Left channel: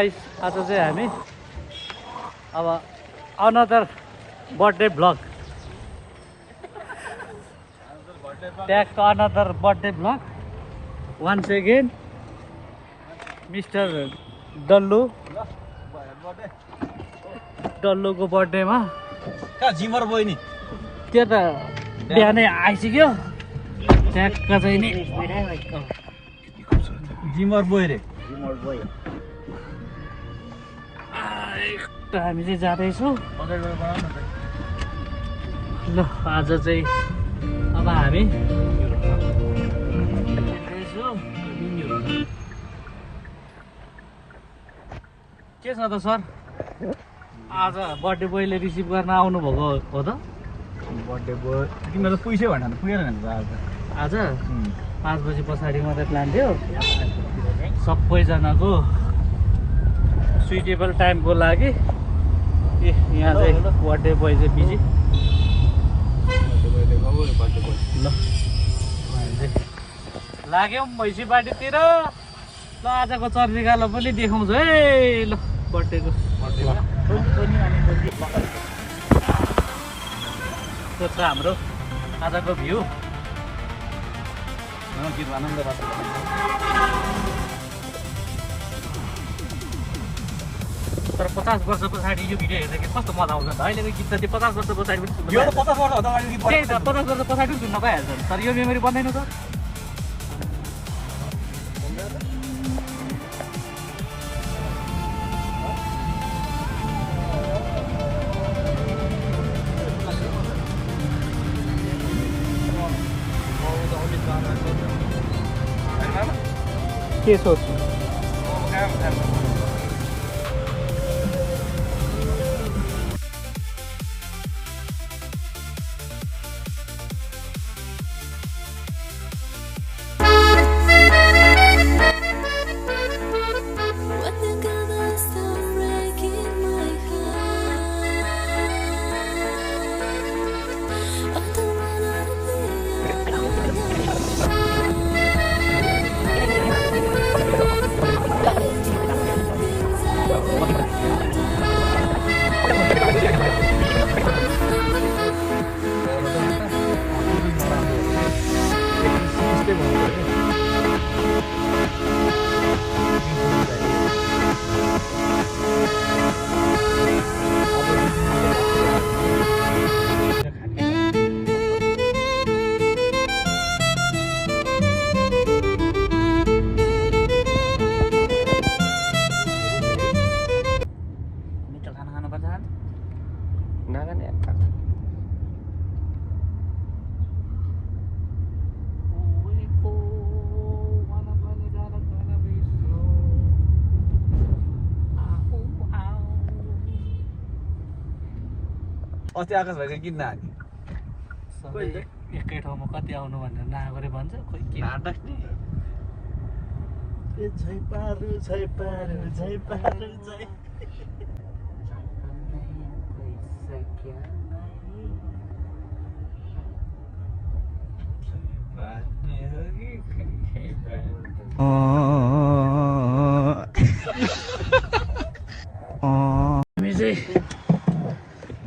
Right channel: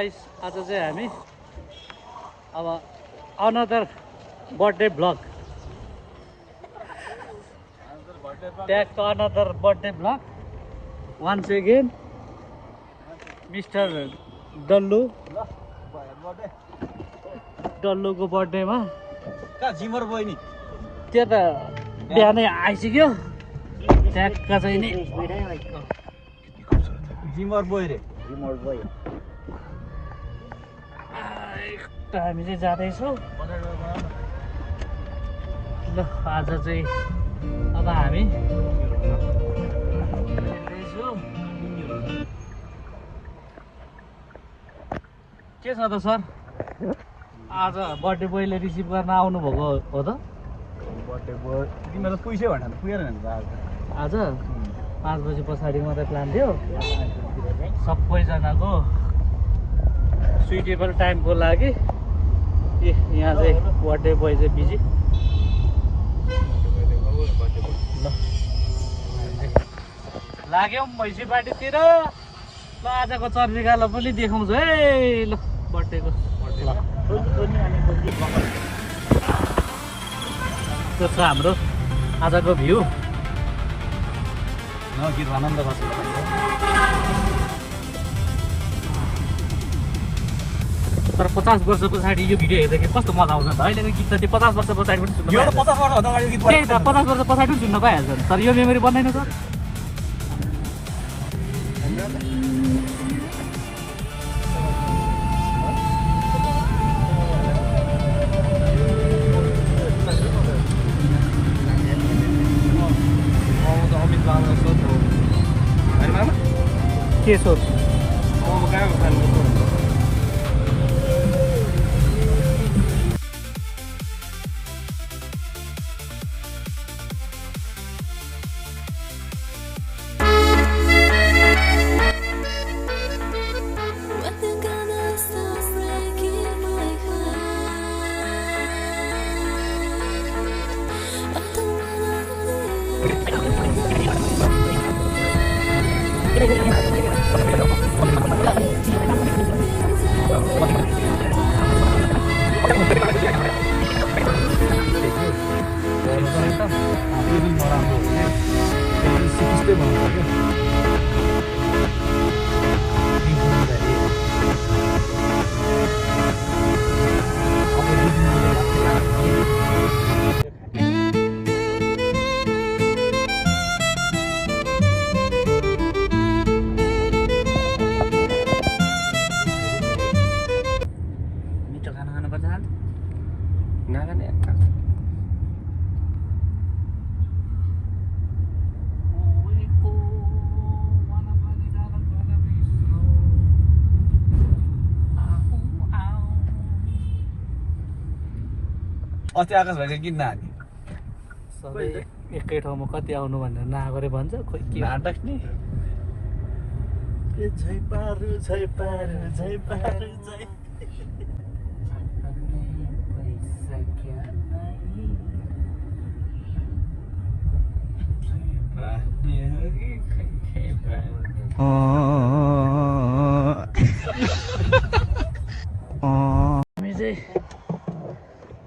Guys आज चाहिँ हामी अब अनदर बर्थडे ब्लग ट्यागको another birthday vlog once again mister डल्लुको बर्थडेमा जिमर बोय नि त्यो त बिहानै आइसक्यो ट्यागका चाहिँ नि जिमर बोय रे हामी चाहिँ जाँदैछौँ ल आज चाहिँ अब हामी के छ त सर आज बर्थडे बोयले रिसिभ गर्न आउनुभएको हो त तिमीहरू पैसा भन्नु पुगेन आज 5 बजी पछाडि मात्रै प्लान थियो सबैजनाको सुइटेबल टाइमको लागि यहाँ चाहिँ बर्थडे बोय चाहिँ बिजी ल लाग्यौँ भैँसी पार्टीतिर ल आजको चर्नीगालो पनि देखाउँछु है ल बर्थडेको त्यो छ हाम्रो आजको भ्यू तर 50 वर्ष पछाडि यो भिडियो हेर्दाखेरि कस्तो मजा आउँछ त अहिलेको गीत त 50 वर्ष पछाडि पनि सुन्नु 50 वर्ष अगाडि गीत त्यही त 50 वर्ष पछाडि पनि सुन्न पाइहाल्छ तर यो मेमोरी बन्दैन त अस्ति आकाश भाइको गीत नहाल्ने सबै एकै ठाउँमा कति आउनु भनेर नआगरे भन्छ खोइ के नाटक नि हामी चाहिँ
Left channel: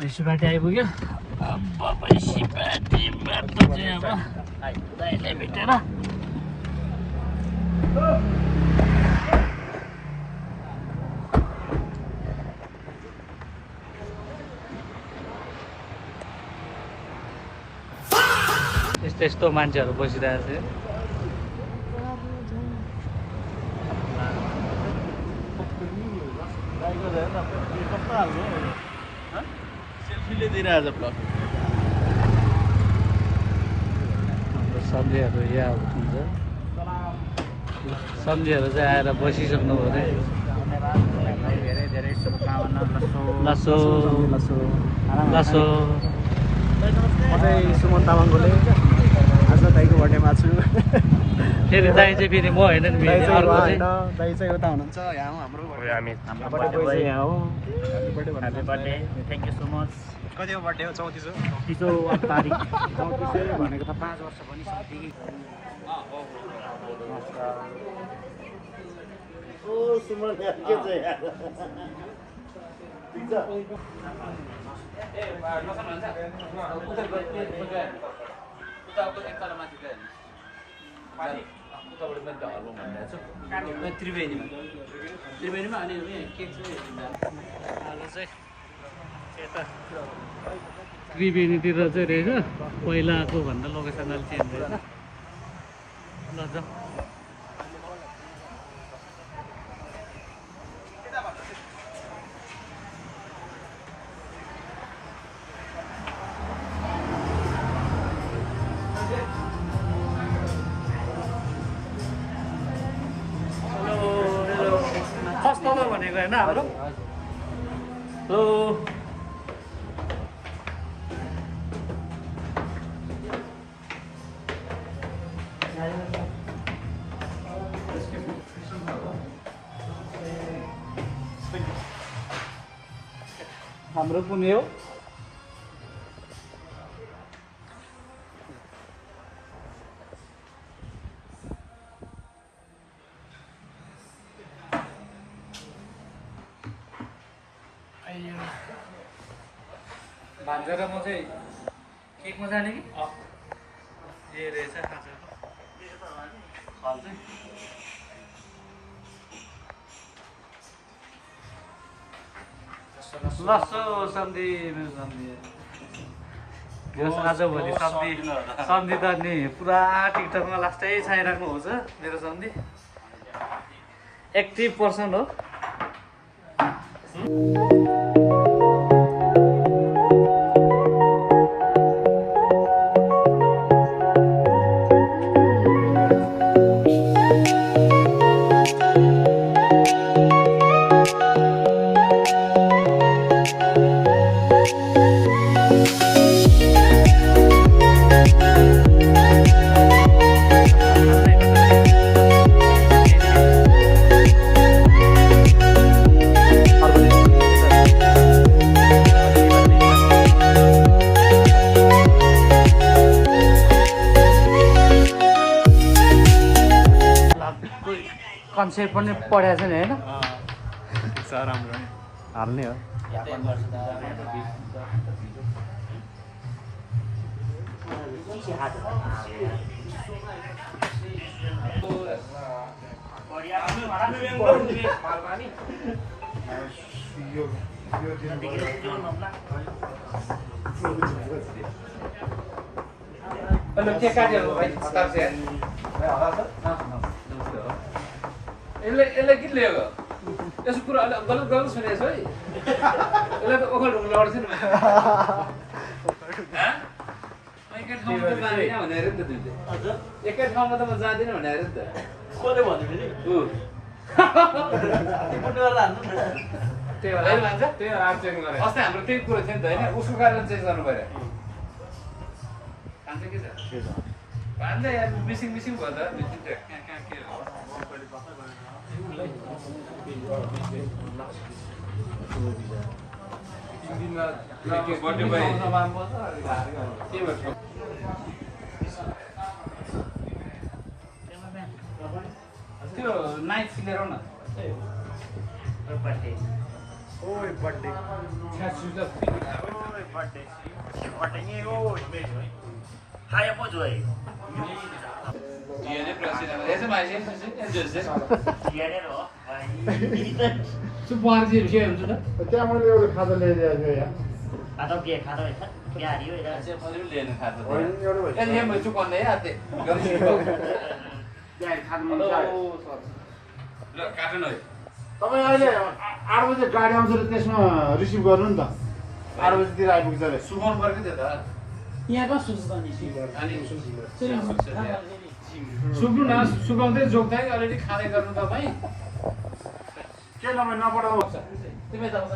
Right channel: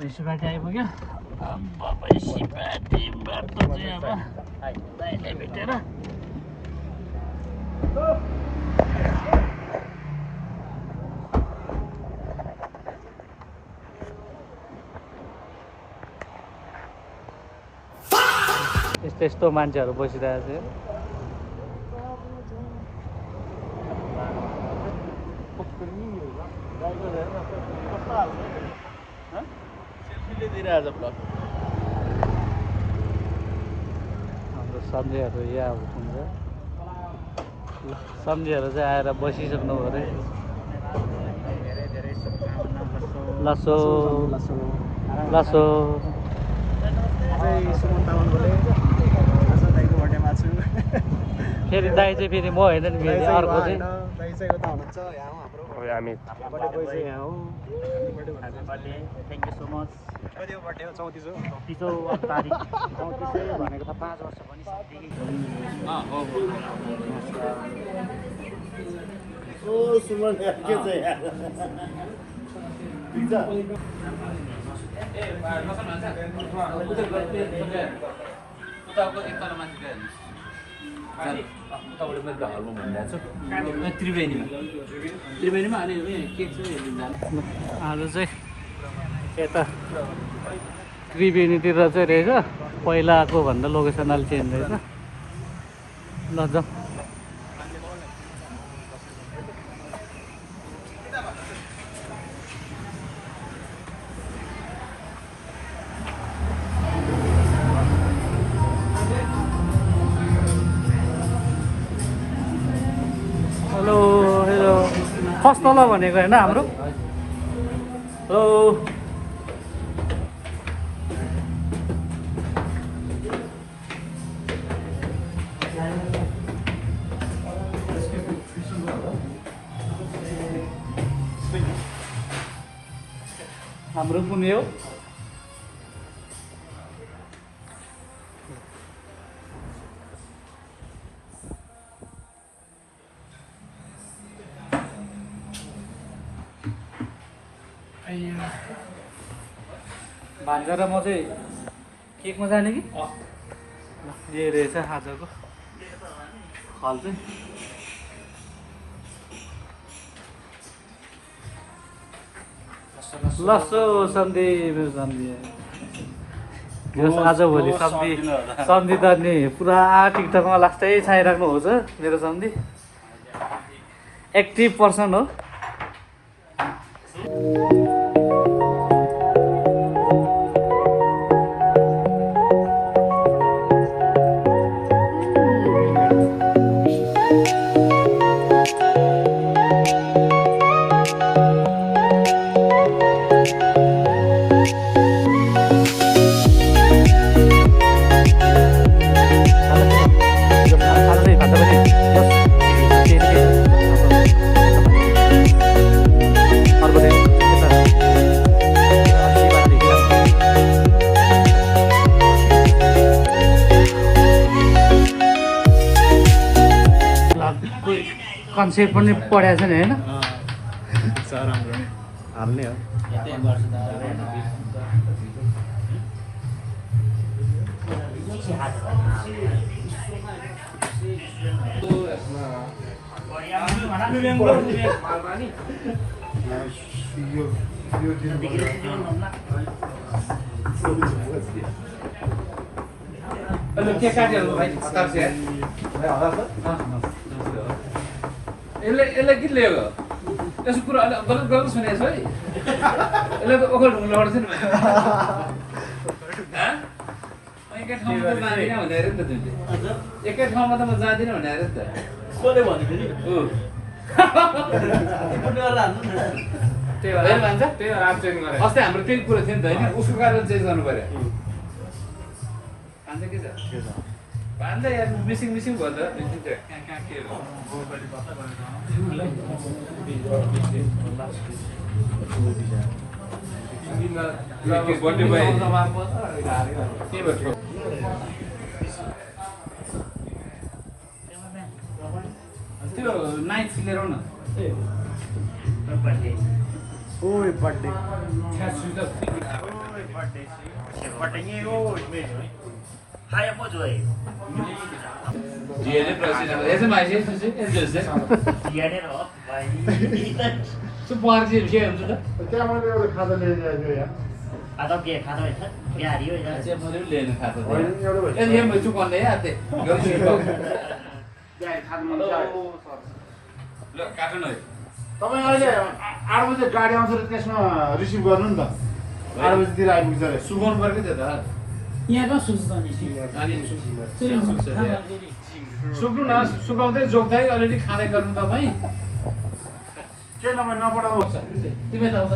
भैँसी पार्टी आइपुग्यो अब भैँसी पार्टीबाट चाहिँ अब दाइलाई भेटेर यस्तो यस्तो मान्छेहरू बसिरहेको छ सम्झेहरू यहाँ हुन्छ सम्झेहरू चाहिँ आएर बसिसक्नु भयो लसो लसो लसो म चाहिँ सुमन तामाङले आज दाइको बर्थडेमा छु फेरि दाइ चाहिँ फेरि म होइन नि दाइ चाहिँ अर्को होइन चाहिँ दाइ चाहिँ उता हुनुहुन्छ यहाँ हाम्रो हामी बर्थडे बोय चाहिँ यहाँ हो happy birthday thank you so much कति बर्थडे हो 34 तारिक 34 भनेको त 5 वर्ष पनि सक्यो त्रिवेणीमा अनि केक चाहिँ आलु चाहिँ यता त्रिवेणीतिर चाहिँ रहेछ पहिलाको भन्दा लोकेसन अलि चेन्ज रहेछ ल जाउँ फर्स्ट तल भनेको होइन हाम्रो हाम्रो कुनै हो भान्जा र म चाहिँ केकमा जाने कि यही रहेछ आजको हल चाहिँ लसो सन्धि मेरो सन्धि आजभोलि सन्धि त नि पुरा टिकटकमा लास्टै छाइराख्नु हुन्छ मेरो सन्धि एक्टिभ पर्सन हो कन्सेप्ट पनि पढाएको छ नि होइन हाल्ने हो यसलाई के ल्यायो यसो कुरा गलत गलत सुनेछ है यसलाई त ओखर ढुङ्गा लड्छ नि एकै ठाउँमा त जाँदिनँ भनेर नि त तिमीले एकै ठाउँमा त म जाँदिनँ भनेर नि त कसले भन्यो फेरि अस्ति हाम्रो त्यही कुरा थियो नि त होइन उसको कारण चेन्ज गर्नु पर्यो भन्छ के छ भन्दा यार मिसिङ मिसिङ भयो त कहाँ कहाँ के हो बर्थडे भयो के भयो त्यो नाइट लिएर आउन ओए birthday Diğeri presidente. Ne zaman şey sözü? Su parti bir şey yaptı da. क्या मैले एउटा खाता लिएर आएको यहाँ खाता के खाता है बिहारी हो इधर Sen bunu leğenin katı diye. En iyi mi çok anne ya de. Görüşürüz bak. त्यहाँ खानु मन लाग्यो Lo katın oy. तपाईँ अहिले 8 बजे गाडी आउँछ र त्यसमा रिसिभ गर्नु नि त 8 बजेतिर आइपुग्छ अरे Suban var ki de ha. यहाँको सुस्तानी Hani सुक्छ दिया. सुक्नु न सुकाउँदै जोक्दै अलिअलि खाँदै गर्नु तपाईँ के नम्बर नपठाउँछ तिमी त आउँछ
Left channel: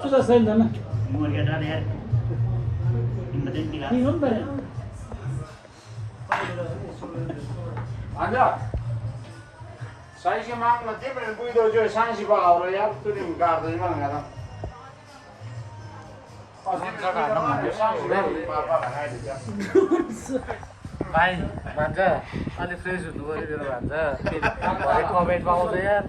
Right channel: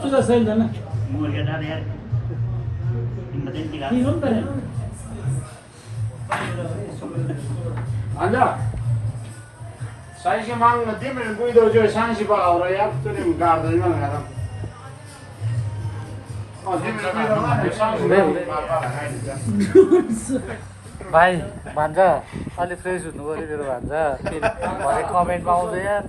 तुझा सेम था ना मुर्गा डाल यार इनमें दिला तीन लोग करे अन्त साइसी माग्न तिम्रो बुइदो जो साइसी पावर यार कुनै गाड्दैन भनेर भाइ भन्छ अलिक फ्रेस हुनु पऱ्यो मेरो भन्छ भरे कमेन्टमा आउँछ यार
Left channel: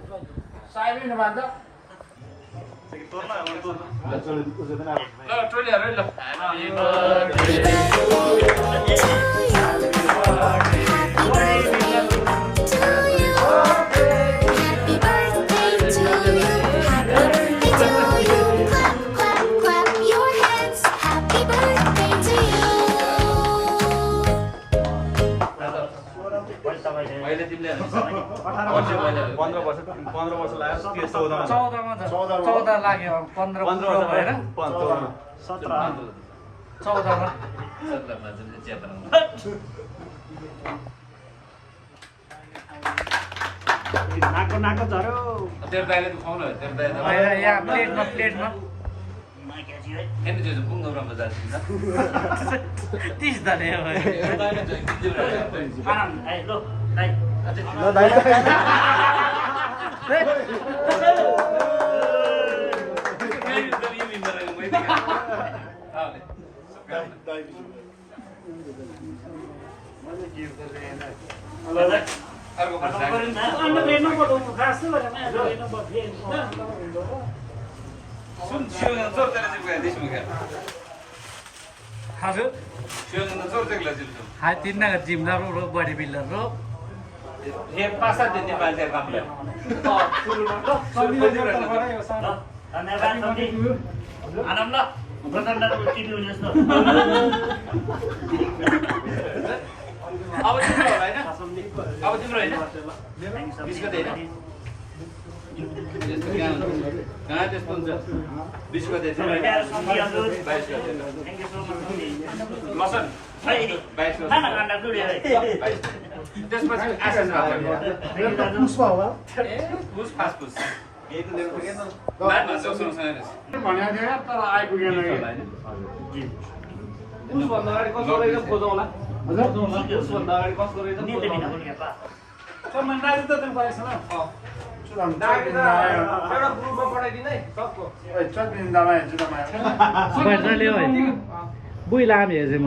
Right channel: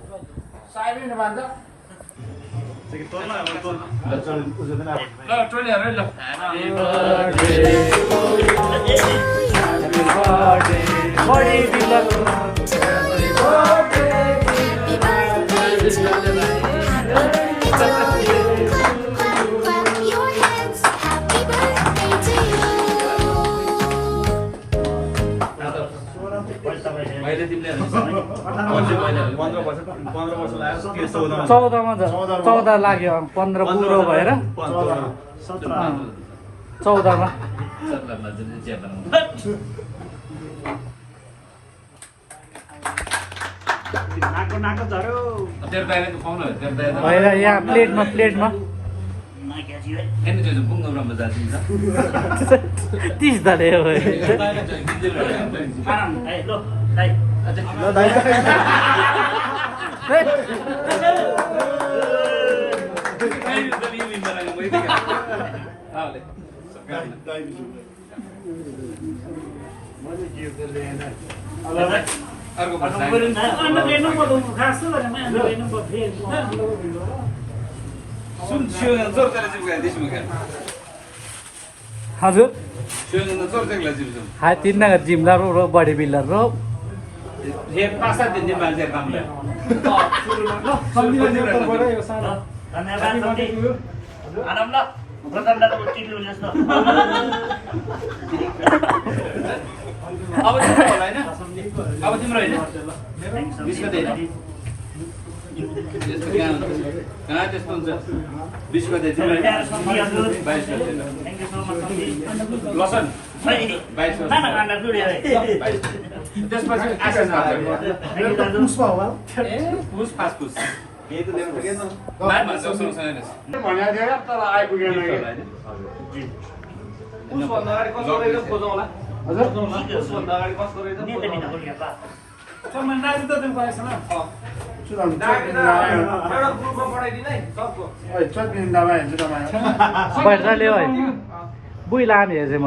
चौधमा 14 लाग्यो 15 पुरो भएर 14मा भएर यहाँ प्लेटमा 30 धले हजुर हाय 3 नगर जिमदार रो बॉडी बिल्डर रो एक 5-7 दिन मान्छे काम गर्छ अब तिम्रो हैन त्यस्तो हुन्छ 20 गते तिम्रो लसन 22 त्यसपछि आशा छ पुस फास्ट पुस यही त ल्याउनु सकेन मामा जसो छैन भन्या थियो यार तर आइपुगेन पुस भन्दा अगाडि कस्तो रहेछ खोजौला हजुर पुस भन्दा अगाडि कस्तो रहेछ चम्मनाजी त त्यो पाएछ न पैसा ल्याऊ है बुइ लामे हेर्छ म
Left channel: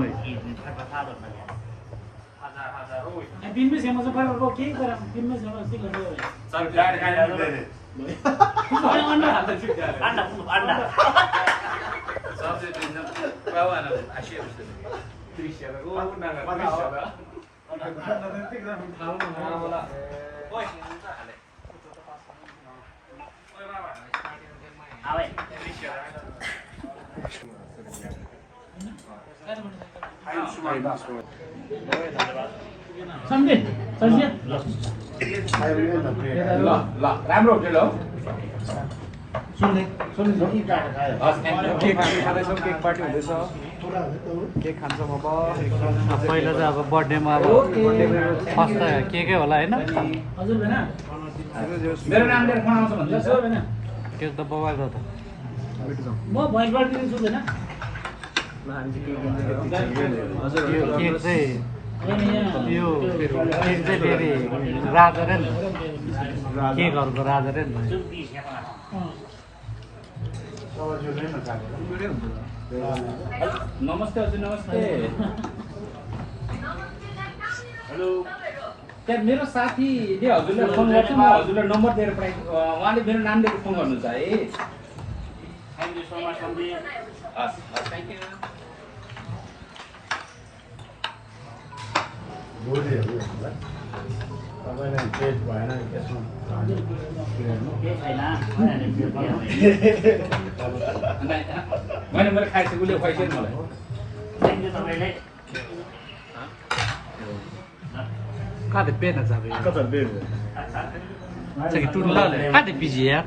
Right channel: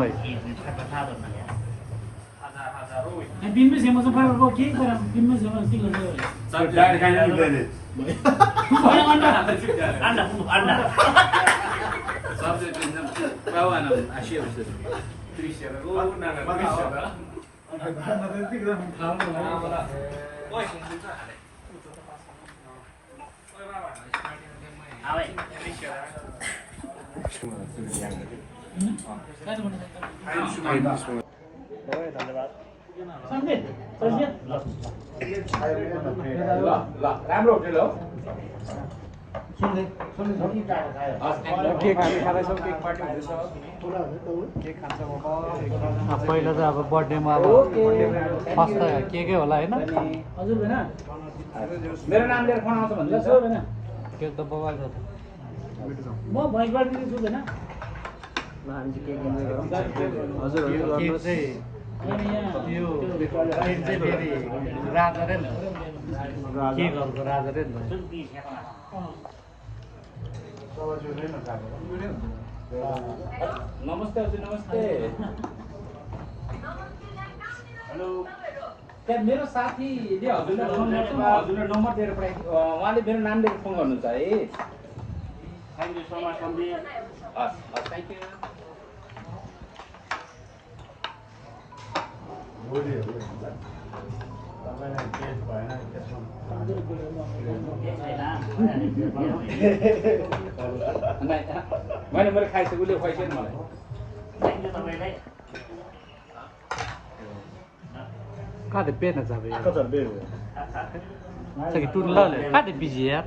बिम्बी सेमो चाहिँ पाएको के गरे बिम्बी सेमो के गर्यो डाइरेक्ट खानु दिदैन अन्डा सब्जेक्ट पावाना आशिया बिस्तर सम्झे राम्रो होटल हो केक खाँदैछौँ केक पार्टी हुँदैछ केक खान्छ म बर्थडेमा केकै होला होइन हजुर हैन मेरो नाम लिएर फोन आउँछ भन्छ हजुर हैन त्यो त मोबाइल हो म भोइसबाट दिनु छु हैन केक चाहिँ हैन यहाँ यो केक चाहिँ फेरि राजा रे नि केकहरूको राजा रे नि नमस्ते हजुर नमस्ते हेलो त्यहाँ मेरो साथीले हजुरलाई फोन गर्छ म हजुरलाई नम्बर दिएर पठाएको उहाँले मेरो नाम लिएर फोन गर्नुहुन्छ है थ्याङ्क यू सो मच सम्झे हस् थ्याङ्क यू तपाईँलाई पेट भएन त्यसमा मैले मेरो खाइसकेँ उसले खुवाइसक्यो मलाई कहाँ पेन छ कता पेट कि टुन्डले कहाँ पिजी यार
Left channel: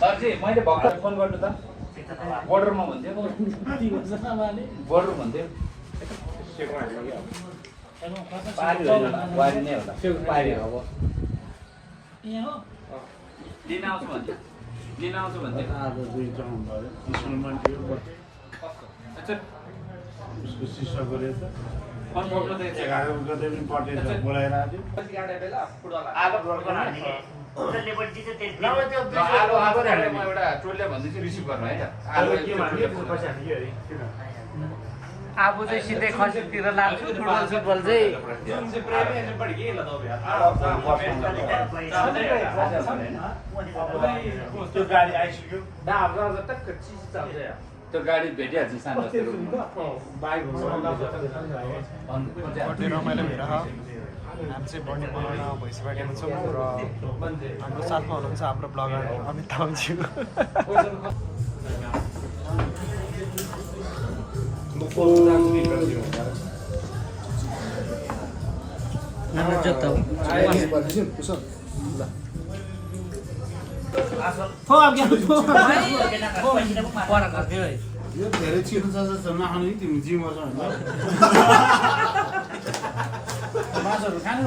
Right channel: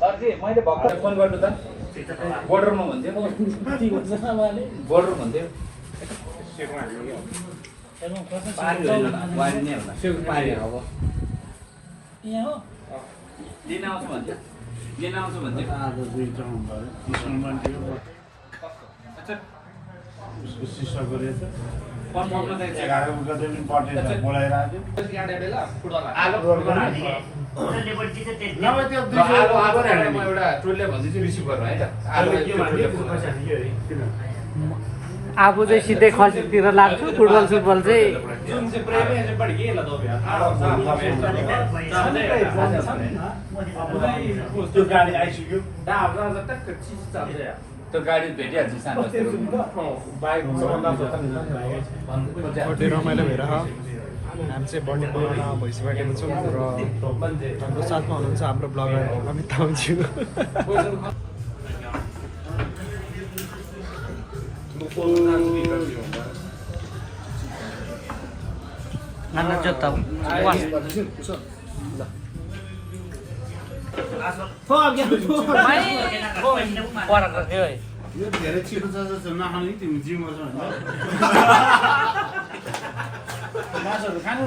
सरजी मैले भर्खर फोन गर्नु त बोर्डरमा भन्थ्यो बोर्डर भन्थ्यो वारी नै होला पारी हो यहाँ हो लिन आउँछु भन्थ्यो लिन आउँछु भन्थ्यो आज दुईटा भयो अच्छा उसको सिसा गरेछ एघार गते पनि पटेर बोलाएर आयो आलु होटलले पनि जित्यो त्यति नभए त्यो आलु आएको म एउटा टोलले भन्दैछु रिसिभ गर्नु है त आलु आफू चाहिँ सिधै खसीतिर लाग्छु फुटबल सुटबल चाहिँ त्यो गाडी आइसक्यो त्यो गाडी भेटिहाल्छ सानो बर्थडे रमाइलो भएर हामी चाहिँ बर्थडे बनाउन भइसकेको छौँ र हाम्रो साथमा हुनुहुन्छ हाम्रो ब्लगर अमित तामाङज्यू यो धेरै छिटो छ जस्तो नखाने तिमी जिउमा छ मासुहरू खानु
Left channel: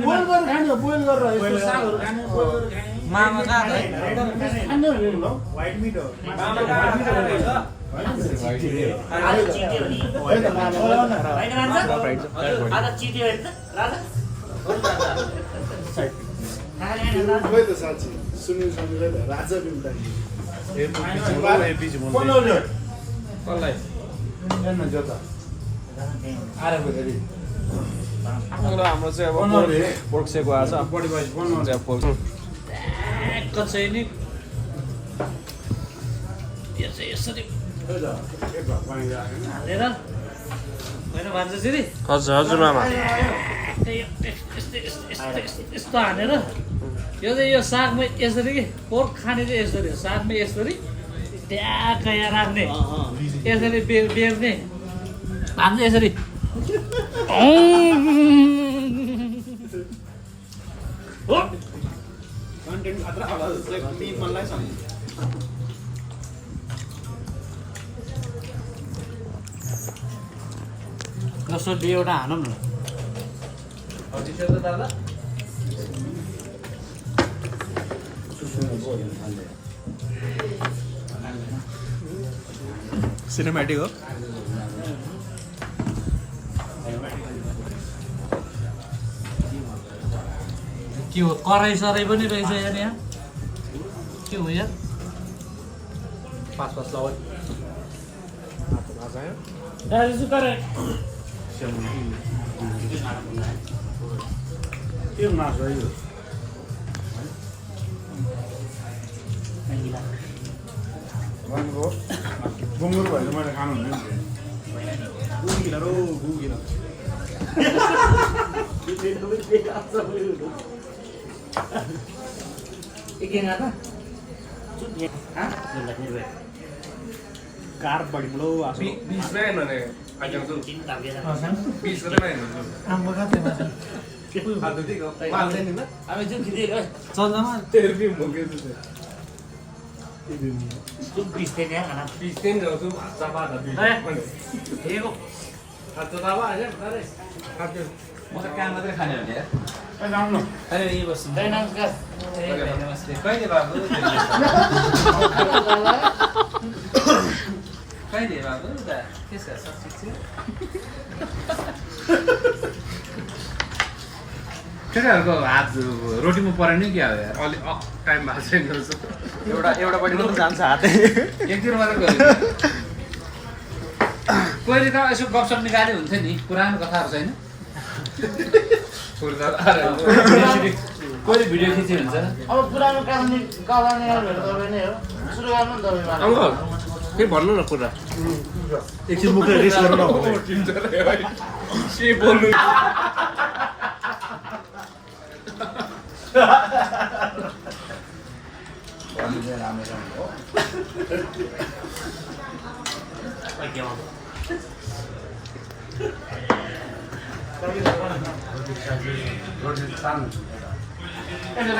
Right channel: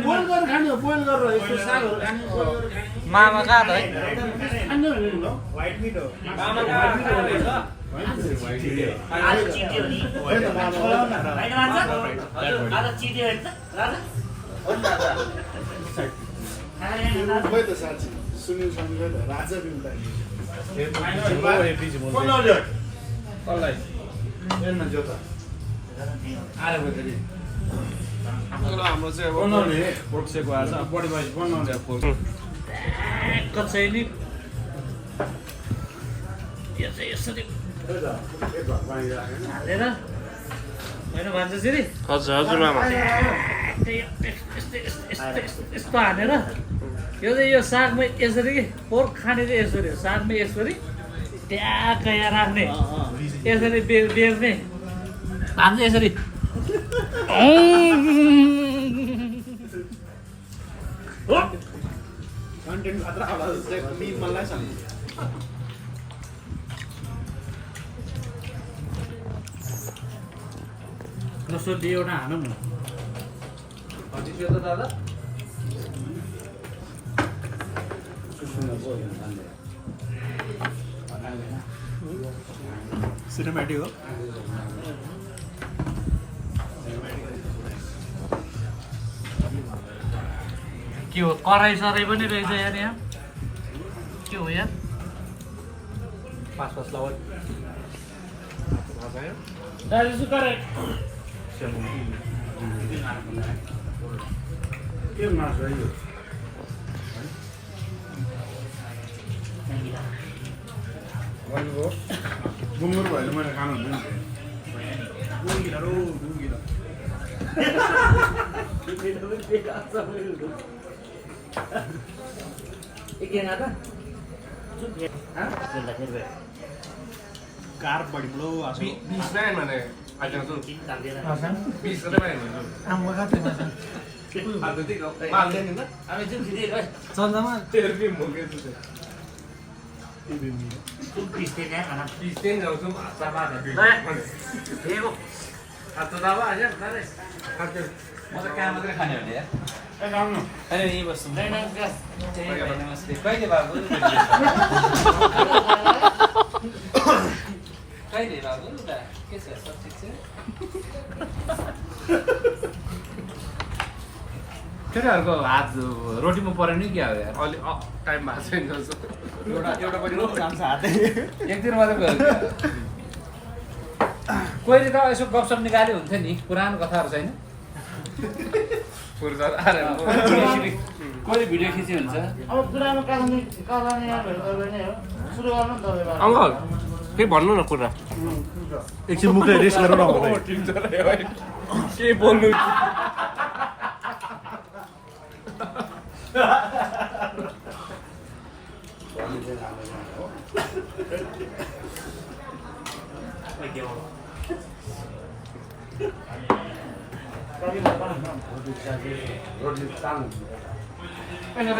बोइल गरेर खाने बोइल गरेर यस्तो सागहरू खाने मामा कहाँ त है खाने भनेर ल व्हाइट मिट हो होइन मामा होइन राजा आज चिट्यो हेर्छ राजा खोइ त साँच्ची सुनिल सङ्गीत राजा बिम्ता कसलाई हेर्न जोता हाम्रो चाहिँ अब पोर्क सेको आज बडी भाइ बनाउँछ कसै नि यो चाहिँ यसरी हालेर होइन भन्छ फेरि हजुरआमा यस्तो हानेर यो चाहिँ यो सागमै यसरी कि पोर्क खाने चाहिँ यसरी हो सागमै यसरी ट्याक्क यहाँ राख्ने यसरी बेर्ने हान्छ यसरी कन्टेन्ट खतरा होला जस्तै मलाई छ नसोली एउटा हानौँ न दादा सिनेमेटिक हो के हो कराई सराई पनि रहेछ यार यहाँ के हो यार पाँच लगाउ के मासु है यो भन्नुभयो गुङ्गुर भयो भने मैले खानु हुँदैन कार बढी बडो आसु आम्बो खाँदैमा चल्दामा म त काम मात्रै खाने हो नि यार लाउनु कहिले बाबु कहिले बाबु के छ सब ठिक छ केटाहरूको हात रोटीमा परेन नि क्या हो यार अलि टाइम भएको छैन एउटा पनि जान्छ हातै एकदिन मात्रै गयो पहिले त यसो गफसप निकाले हुन्थ्यो नि पुरानो कथाहरू छैन कहिले भिडियो खिच्यो हुन्छ अब पुरानो कहानी तपाईँ नै हो सुरु गर्नु नि तपाईँ अङ्कल के भन्नु न कुरा एकछिन मुखले रेस्ट गर्नु न बोल्नु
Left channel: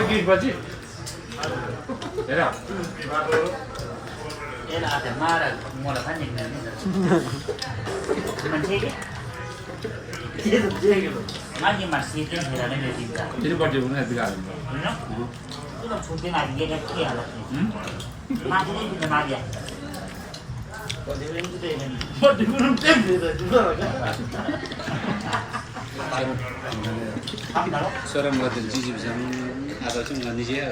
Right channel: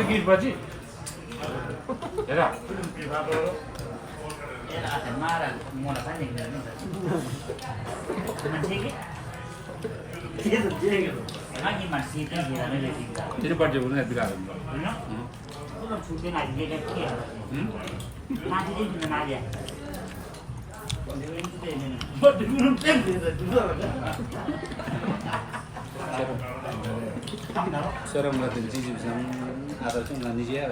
गीत बजी हेर माथि मासी त्यहाँ भिरानै दिन्छ तिनीपट्टि पनि बिगार फुट्दैन आइदिएर के हाल्छ माथि नै दिनु माथि Seorang waktu jijik bisa apa sih nggak sih ya?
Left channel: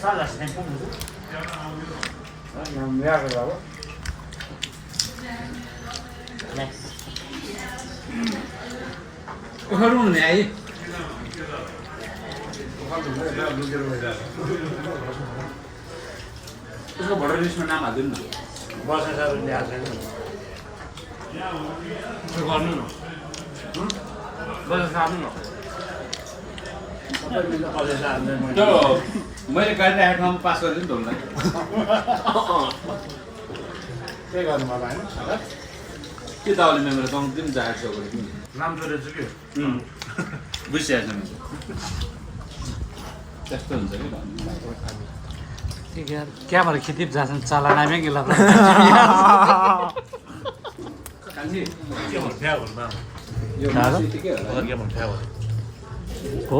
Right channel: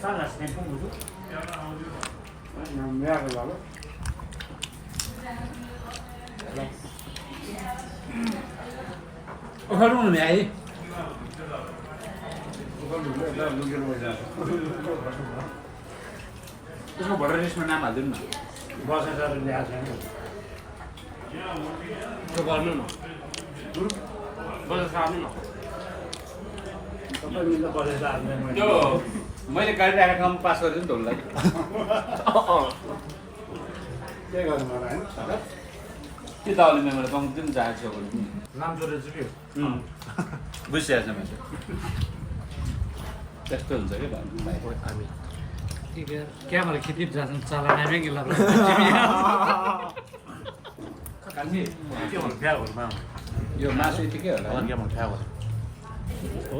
Salah sih pun itu. Next. Harun nih ay. Terus baru ini semua nama dulu. 저거 안 넣어. 맞아, 잘안 넣어. त्यो मैले गाडी राखेको ठाउँमा पास गरिदिनु ढोललाई के गर्नु मलाई के दाउले मेमोरी कम दिन जाएको छ नाम जोडेछु कि बुझिहाल्छ मैले त्यस्तो हुन्छ कि क्या भएर खेती जान्छन् चालानामै गेला कान्छी के भन्नु भ्याउहरूमा यो मासु ठिकै हो के भन्नु भ्याउहरू हो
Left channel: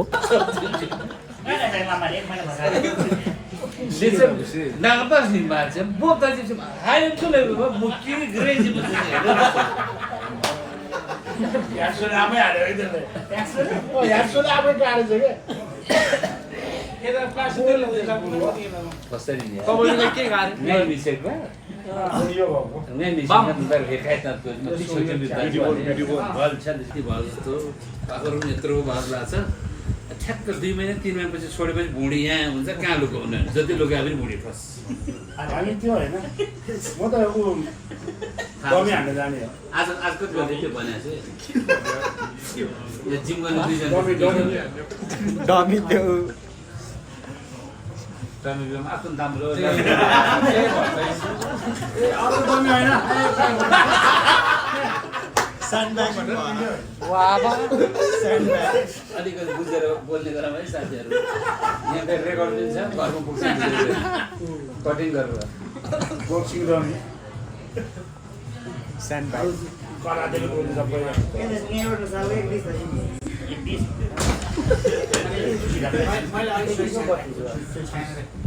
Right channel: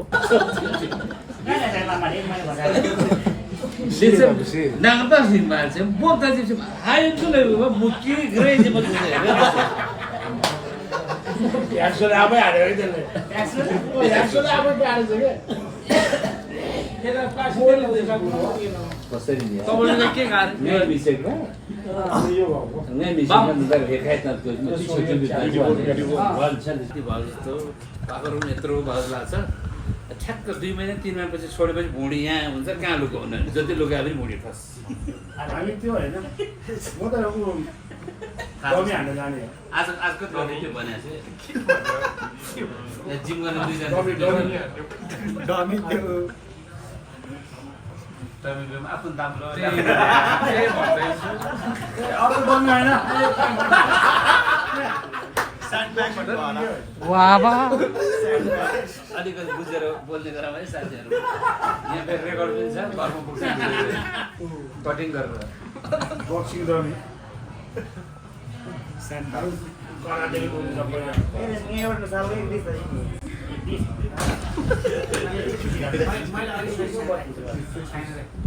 Nangapa sih mas? Bukan sih, hai itu lebih mungkin keren sih mas. यार सुन आबै हाल्यो है त्यसले यार सुन आबै हाल्छ के कसरी दियो? तपाईँले के खानु? नै बिसेको? यो भएको नै बिसेको दुई भेट खाइ त भल छ नि भल जस्तो पाखरु यत्रो भल लाग्छ ठ्याक्क 2 महिना 3 महिनापछि छोडेपछि भुँडी यहाँ हुन्छ कहाँ लुकाउनु जति लुकाए पनि भुँडी फस हामी त्यो हैन म त उ डमी हाल्न जाने हो आज कति गर्ने त्यो भनेको छु यहाँ जिम गर्न दिन्छ डमी त्यो तपाईको आफ्नो दाम्रो अरु डमी हैन अलिकति बुझेर बोल्ने गरौँ है साथीहरू यहाँ फेरि रेकर्ड दिन्छ घरमा पुग्छ कटिङ गरेर बक्सिङ डमी करादेखि बोल्नु सबै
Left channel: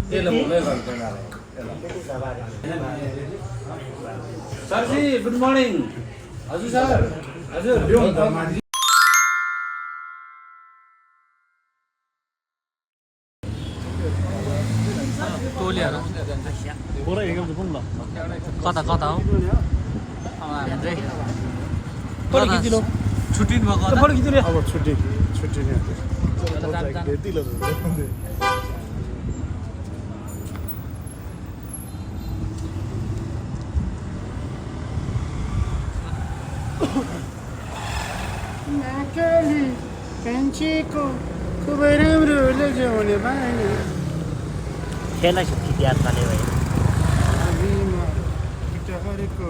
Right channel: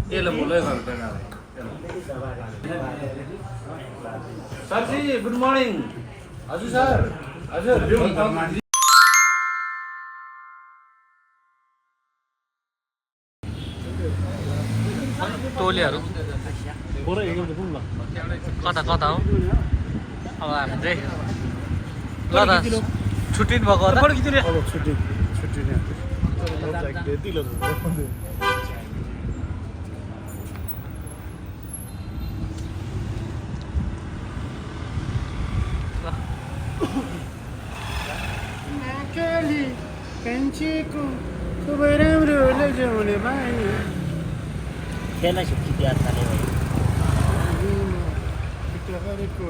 त्यसले भोलै गर्छ सरजी गुड मर्निङ हजुर सर हजुर टोलीहरू कता कता हो अब हामी चाहिँ छुट्टिनु भएको होला अब छुट्टी कान्छीको खुब राम्रो लैजाउने भाइ त्यसलाई छुट्टी याद पाले भयो हरेको